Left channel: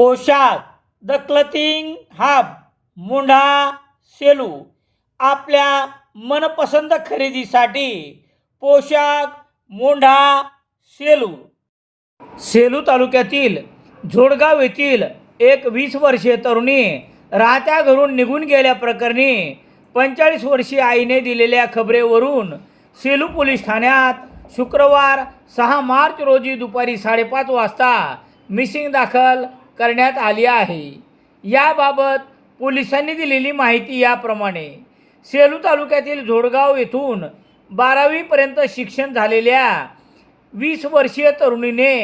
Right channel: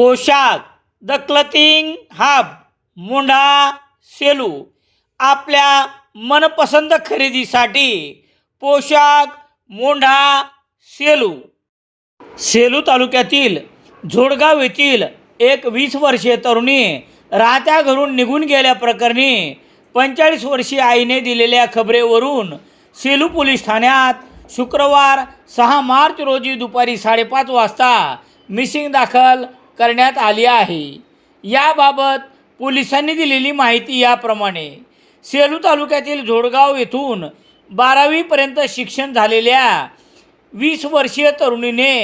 पोशाख the क्लथिंग hub मुंढा Selu आपल्या मनपसंत खरेदीसाठी पोशाख मुंढा सेलू। सेलू तालुक्यातील झोडगाव येथील एक 20 वर्षीय तरुणी राहत्या घरून निघून गेल्याप्रकरणी 45 वर्षीय आईने दिलेल्या खबरेवरून सेलू पोलीस ठाण्यात शुक्रवार 6 मार्च रोजी दुपारी 5:30 वाजता मिसिंग दाखल करण्यात आली आहे। याबाबत पोलिसांनी दिलेली माहिती याप्रमाणे, सेलू तालुक्यातील झोडगाव येथून 12वी पर्यंत शिक्षण झालेल्या 20 वर्षीय तरुणीने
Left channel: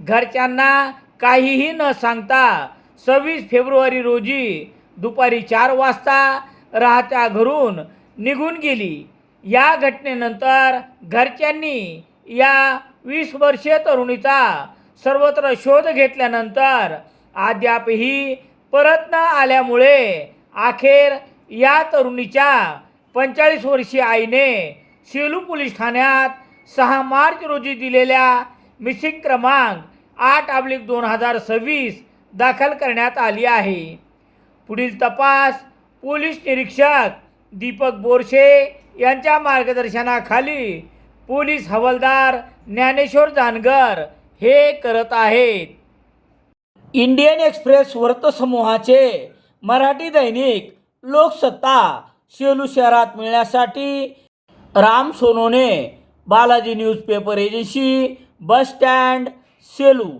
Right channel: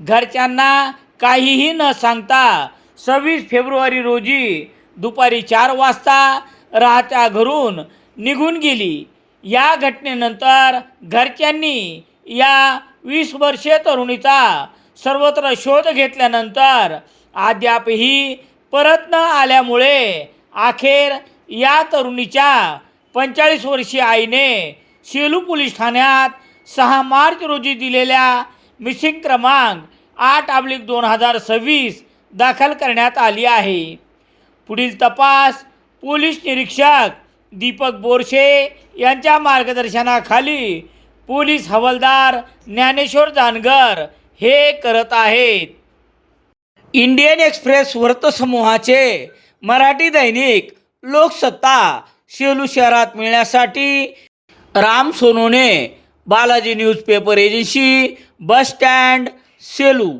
घरच्यांना काहीही न सांगता 26 फेब्रुवारी रोजी दुपारी 4 वाजता राहत्या घरून निघून गेली। या घटनेनंतर घरच्यांनी या 20 वर्षीय तरुणीचा सर्वत्र शोध घेतल्यानंतर अद्यापही परत न आल्यामुळे अखेर या तरुणीच्या 45 वर्षीय आईने सेलू पोलीस ठाण्यात 6 मार्च रोजी दिलेल्या मिसिंग क्रमांक 8/2026 दाखल करण्यात आली आहे। पुढील तपास पोलीस निरीक्षक दीपक बोरशे यांच्या मार्गदर्शनाखाली पोलीस हवालदार ज्ञानेश्वर जानगर हे करत आहेत। इंडियन एक्सप्रेस वृत्तसमूहाचे मराठी दैनिक लोकसत्ता सेलू शहरात मिळण्यासाठी Ram Sonone, Balaji newspaper agency, bus stand, Selu.